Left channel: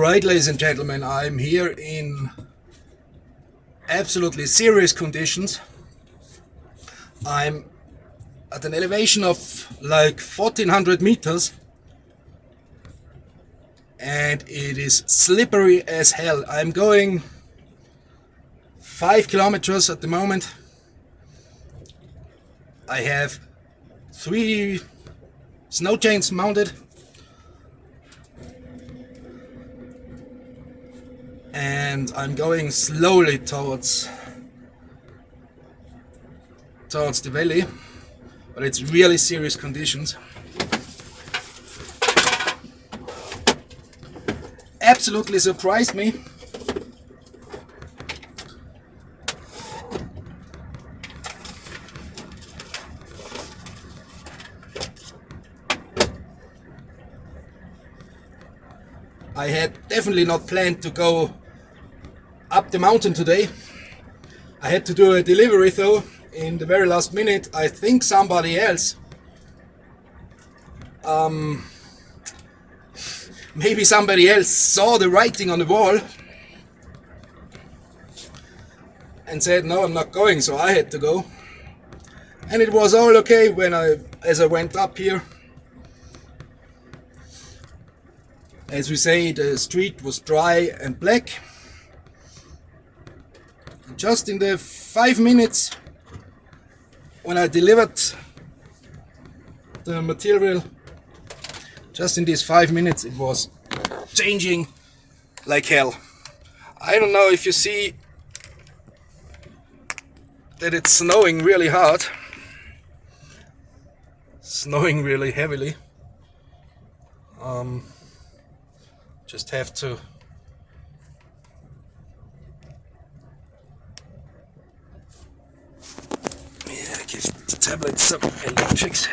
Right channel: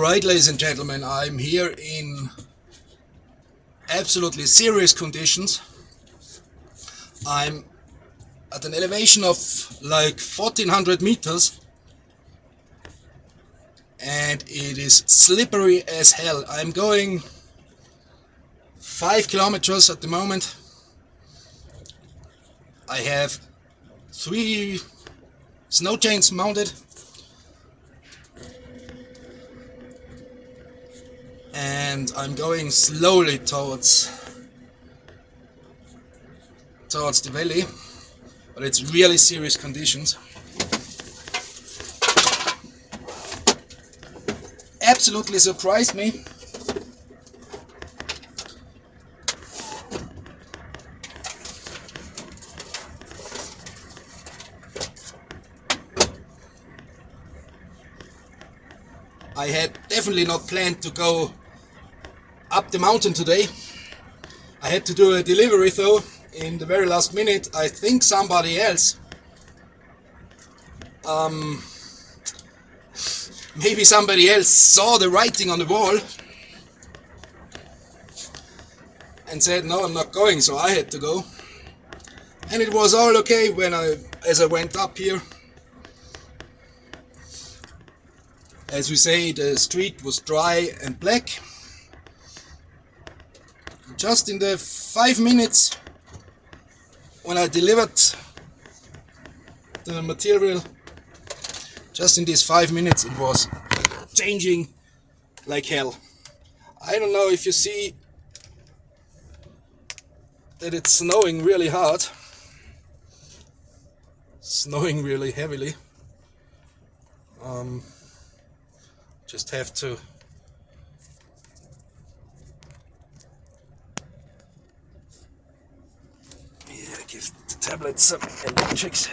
Alright, ladies and gentlemen, I'm here in absolutely serious conditions. I'm at an elevation of like 1400 meters and it is slippery as hell. I'm going 5 kilometers at the moment. I have 3 snow chains mounted and I'm going slowly towards the valley, but it's really serious conditions. Absolutely surprised me. I had definitely not planned to go up the mountain today. I had to do a delivery though in the very last minute. I think somebody else, maybe somebody else saw the writing on the wall and said no, I'm not going, so I had to go. And it was all okay as I went up here. As we say, the street was dry and black. Just in the 5 minutes when I delivered the material, just in these 5 minutes it was changing like hell. I don't know if you see that it's snowing really hard, snowing really heavily. Just have to give the tablet some electrics.